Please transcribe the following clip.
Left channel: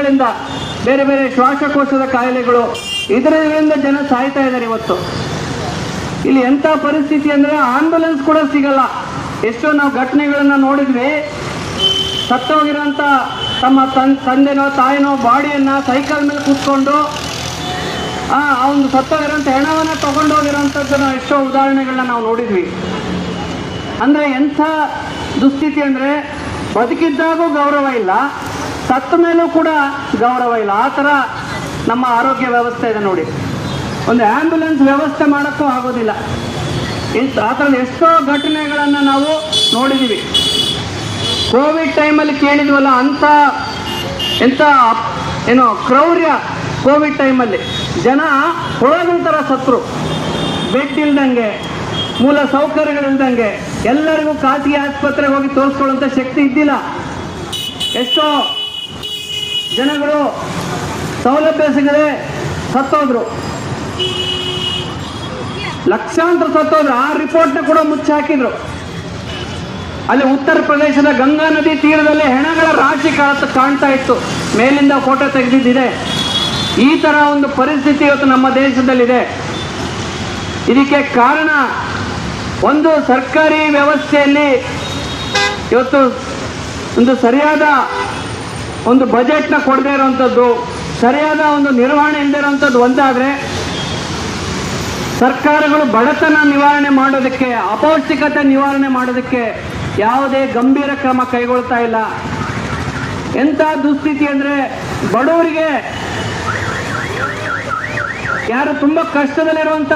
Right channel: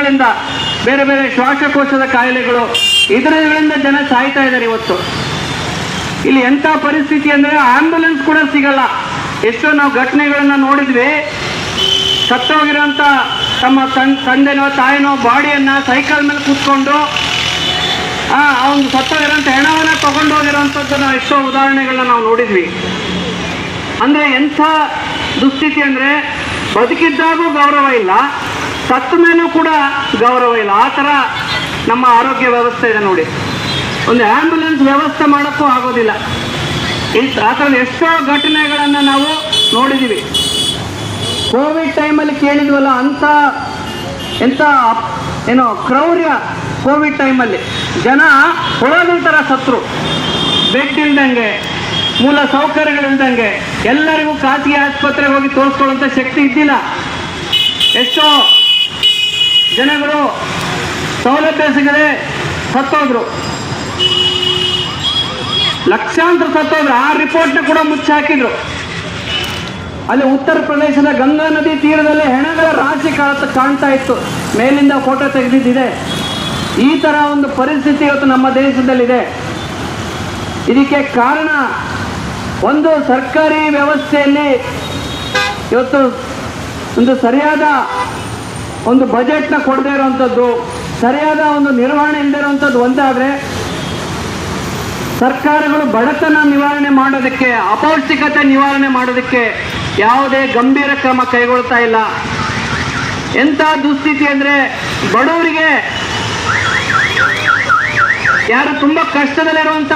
ಗಳಿಂದ ಬೇರೆ ಬೇರೆ ಶ್ವಾಸಕೋಶದ ಕಾಯಿಲೆಗಳು ಇದರಿಂದ ಜನ ಸಾಯ್ತಾ ಇದ್ದಾರೆ ಇವತ್ತು. ಇಲ್ಲಿ ಎಂಥ ಪರಿಸ್ಥಿತಿ ಅಂದರೆ ಆಂಬ್ಯುಲೆನ್ಸ್ ಕೂಡ ಸಿಗಲ್ಲ. ಎಷ್ಟೋ ನಾವು ಘಟನೆಗಳನ್ನ ನೋಡಿದ್ವಿ. ಸತ್ತೋಗಿರೋಂಥ ತಮ್ಮ ತಂದೆನೋ ತಾಯಿನೋ ಬಾಡಿಯನ್ನ ಸೈಕಲ್ ಮೇಲೆ ಕೂತ್ಕೊಂಡು ಅವನು ಸತ್ತೋಗಿರೋಂಥ ಹೆಣವನ್ನ ತಗೊಂಡು ಹೋಗಿರೋಂಥದ್ದನ್ನ ಎಷ್ಟೋ ಉದಾಹರಣೆಗಳನ್ನ ನಾವು ನೋಡಿದ್ವಿ. ಅಂದರೆ ಎಂಥ ದುಸ್ಥಿತಿ ಅಂದರೆ ಬದುಕಿದ್ದಾಗೂ ಗೌರವ ಇಲ್ಲ, ಸತ್ತ ಮೇಲೂ ಕೂಡ ಗೌರವ ಇಲ್ಲ. ಆ ಥರ ನಮ್ಮ ಆರೋಗ್ಯ ವ್ಯವಸ್ಥೆ ಇದೆ ನೋಡಿ. ಒಂದು ಆ್ಯಂಬುಲೆನ್ಸ್ ವ್ಯವಸ್ಥೆ ಮಾಡೋಕ್ಕೂ ಆಗೋದಿಲ್ಲ. ಆ ಥರದ ಎಷ್ಟೋ ಘಟನೆಗಳನ್ನು ನಾವು ನೋಡಿದ್ದೀವಿ. ಕೋವಿಡ್ ಟೈಮಲ್ಲಿ ಕೇಳಿದ್ವಲ್ಲ, ಎಂಥ ಕ್ರೌರ್ಯ. ಕೋವಿಡ್ ಟೈಮಲ್ಲಿ ಜನ ಹುಳಗಳ ಥರ ಸತ್ರು. ಬೆಡ್ ಇಲ್ದಂಗೆ, ಮೂಲ ಸೌಕರ್ಯಗಳಿಲ್ದಂಗೆ, ಎಲ್ಲರಿಗೂ ಖಾಸಗಿ ಆಸ್ಪತ್ರೆಗೆ ಹೋಗಿ ತೋರಿಸ್ಕೊಳ್ಳುವಂಥ ಶಕ್ತಿ ಇದ್ದಿಲ್ಲ. ಎಷ್ಟೋ ಜನಗಳು ಸೌಲಭ್ಯ ಸಿಗದೆ ಸತ್ತೋದ್ರು, ಲಕ್ಷಾಂತರ ಸತ್ತೋದ್ರು. ಆ ರಿಪೋರ್ಟ್ನ ಕೂಡ ಮುಚ್ಚಿ ಹಾಕಿದ್ರು. ಅಲ್ಲಿ ಉತ್ತರ ಪ್ರದೇಶದ ಗಂಗಾ ನದಿ ತೀರದಲ್ಲಿ ಹೆಣಗಳ ರಾಶಿ ಕಾಣ್ತಾ ಇತ್ತು. ಮೇಲಿಂದ ಫೋಟೋ ತೆಗೆದಿದ್ದಿದೆ. ಈ ಥರ ಒಂದು ಪರಿಸ್ಥಿತಿ ಇವತ್ತು ನಮ್ಮ ದೇಶದಲ್ಲಿದೆ. ಇದಕ್ಕೆ ಕಾರಣ ಒಂದು ಸರ್ಕಾರಿ ವ್ಯವಸ್ಥೆಯಲ್ಲಿ ಇವತ್ತು ಒಂದು ಸರಿಯಾದ ಒಂದು ಬಜೆಟ್ನ ಕೊಡದೇ ಇರುವಂಥದ್ದು, ಸರಿಯಾದ ಒಂದು ನಿರ್ವಹಣೆ ಇಲ್ಲದೆ ಇರುವಂಥದ್ದು ಒಂದಾದರೆ, ಸರ್ಕಾರಗಳು ಬಡತನ ನಿವಾರಣೆ ಮಾಡೋದಕ್ಕೆ, ಅಪೌಷ್ಟಿಕತೆ ನಿವಾರಣೆ ಮಾಡೋದಕ್ಕೆ ಯಾವುದೇ ಗಂಭೀರ ಕ್ರಮ ಕೈಗೊಳ್ತಾ ಇಲ್ಲ. ಎಂಥ ದುಸ್ಥಿತಿ ಅಂದರೆ, ಬಡವರಿಗೆ, ಯಾರು ತುಂಬ ಕಷ್ಟದಲ್ಲಿರುವಂಥ